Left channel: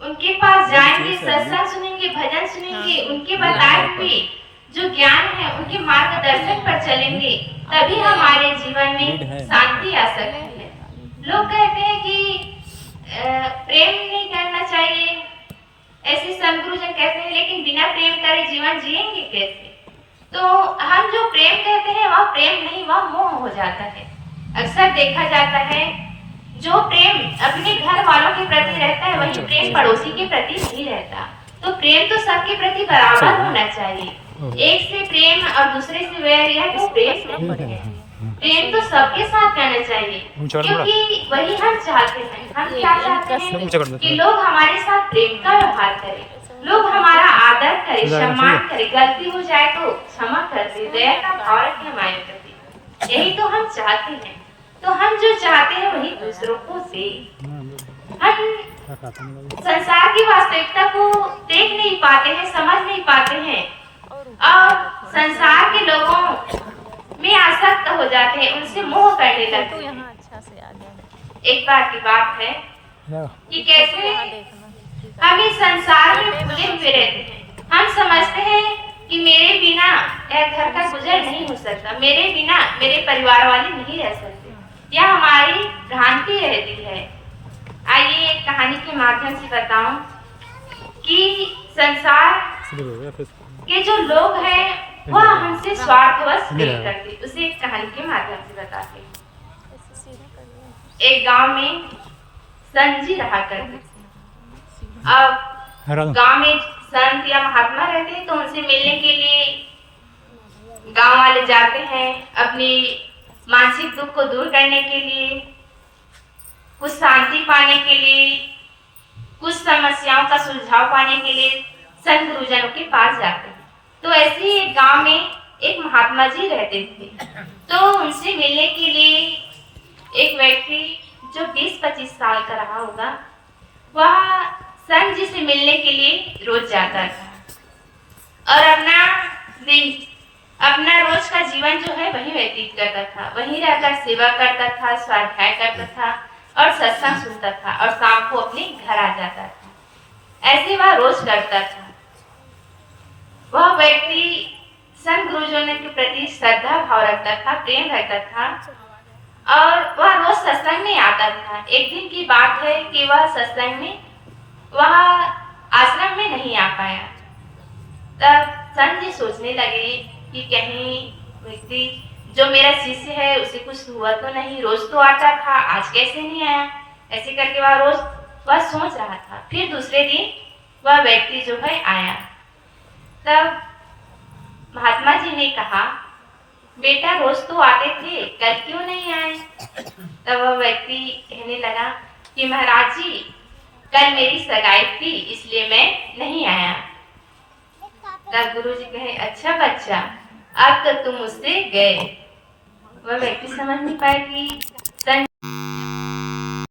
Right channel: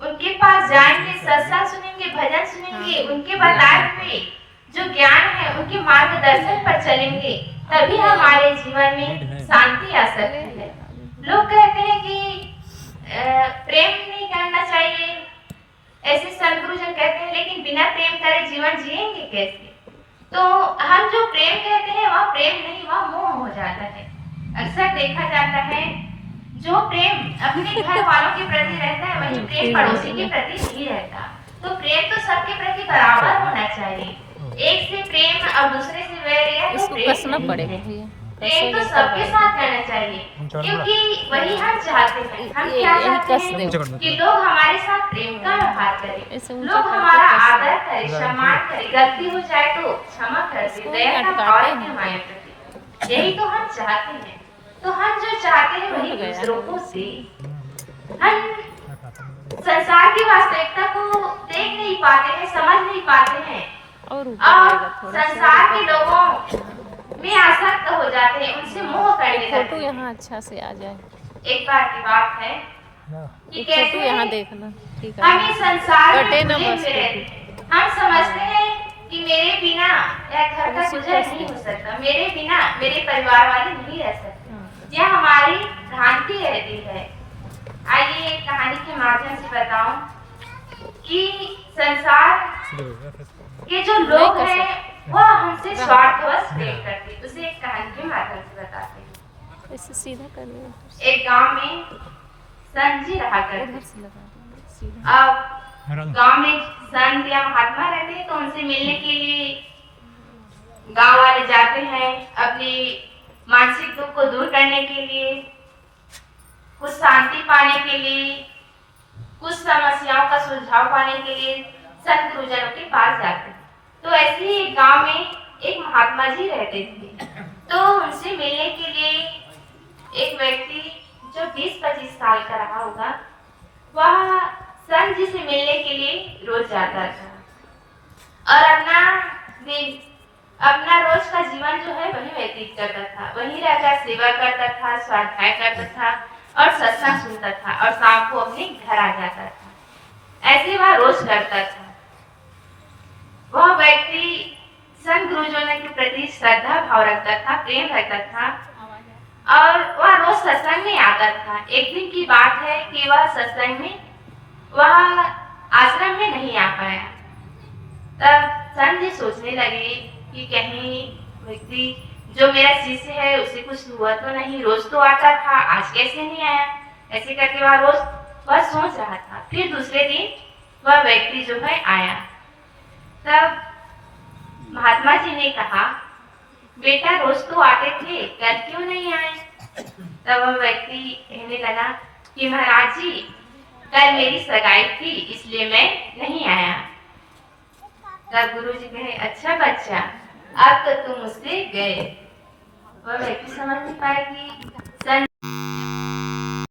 उनके पास जाएंगे, सत्संग सुनेंगे, भजन सुनेंगे, उनके बताए हुए जो ज्ञान है उनके मार्गदर्शन पर चलेंगे, तभी हमारे जीवन में शांति आ सकती है। लोग कहते हैं कि प्रेम नहीं करना चाहिए, ऐसे संत गुरुजन कहते हैं, लेकिन बिना प्रेम करे जीवन जिएंगे कैसे? तो हम जो प्रेम कहते हैं वह प्रेम नहीं, वह मोह हो जाता है। अक्सर देखा जाता है जो प्रेम अपने घर वालों के प्रति रहता है वही प्रेम पड़ोसी के प्रति नहीं रहता। तो प्रेम तो सबके प्रति बराबर होना चाहिए। एक से प्रेम और दूसरे से वैर, यह तो प्रेम नहीं है। प्रेम तो सबके साथ रहना चाहिए, क्योंकि वही हम चाहते हैं। हम क्या चाहते हैं कि लोग हमारे साथ प्रेम का व्यवहार करें, लोग हमारा आदर करें, सम्मान करें, गलती हो जाए तो क्षमा कर दे, दया का भाव रखें हमारे प्रति। यही तो हम चाहते हैं। तो हम जो चाहते हैं वही दूसरों को दे। हम संसार की वास्तविकता को देख नहीं पाते हैं, समझ नहीं पाते हैं, और संसार के लोगों में आसक्त हो जाते हैं, उनसे मोह करने लगते हैं। यहाँ अच्छा से आ जाए। एक बार की बात है कि कैसे यहाँ देखना हम इस संसार में घुले हुए रहते हैं। हम समझते हैं कि मेरे बिना यह घर का गुजर नहीं हो सकता, मेरे बिना मेरे परिवार वाले नहीं रह सकते। यह हमारी भ्रांति रहती है। आइए एक कहानी के माध्यम से बताऊं कि संसार के जो लोग हैं वह हमसे स्वार्थवश प्रेम करते। उसे एक कहानी के माध्यम से बताते हैं। इसे सीधा कर ले। एक गांव में संत जी रहा करते थे। अब गांव में संत या महात्मा रहते हैं तो उनसे मिलने के लिए गांव वाले जाते हैं, अपनी मानसिक दुख को दूर करने के लिए, कुछ शांति पाने के लिए, कुछ समस्याओं का सुलझाव पाने के लिए संत गुरुजनों के पास जाते हैं। तो ऐसे ही एक गांव में एक महात्मा जी रहते थे। तो उनसे मिलने के लिए एक व्यक्ति जो 20-25 साल का रहा होगा, वह संत जी से मिलने के लिए रोज जाता था और अपना रोज का जीवन जो है वही व्यतीत करता था। वहीं रहकर सेवा करता था, स्वाध्याय करता था और सत्संग सुनता था और शाम को अपने घर आ जाता था। ऐसे वह रोज करता था। वह व्यक्ति संत गुरुजनों के प्रति श्रद्धा भाव रखता था, प्रेम रखता था और वह रोज सत्संग में आता था। एक दिन की बात है कि वह सत्संग में, वह आश्रम में नहीं आ पाया। तब संत जी सोचने लगे कि कहीं व्यक्ति जो मेरा शिष्य है उसे कुछ हुआ तो नहीं, रोज तो आता था, आज कैसे नहीं आया। ऐसे करके वह सोच रहा था। फिर दूसरे दिन वह व्यक्ति जो है आया। तब महात्मा जी ने कहा, बेटा रोज तो आते थे, कल क्यों नहीं आए? तब वह व्यक्ति कहने लगा कि महाराज जी कल मेरी सगाई थी इसलिए मैं नहीं आया। तब गुरु जी कहे, अच्छा बच्चा अब तो तुम उससे गए। वह व्यक्ति समझ नहीं पाया कि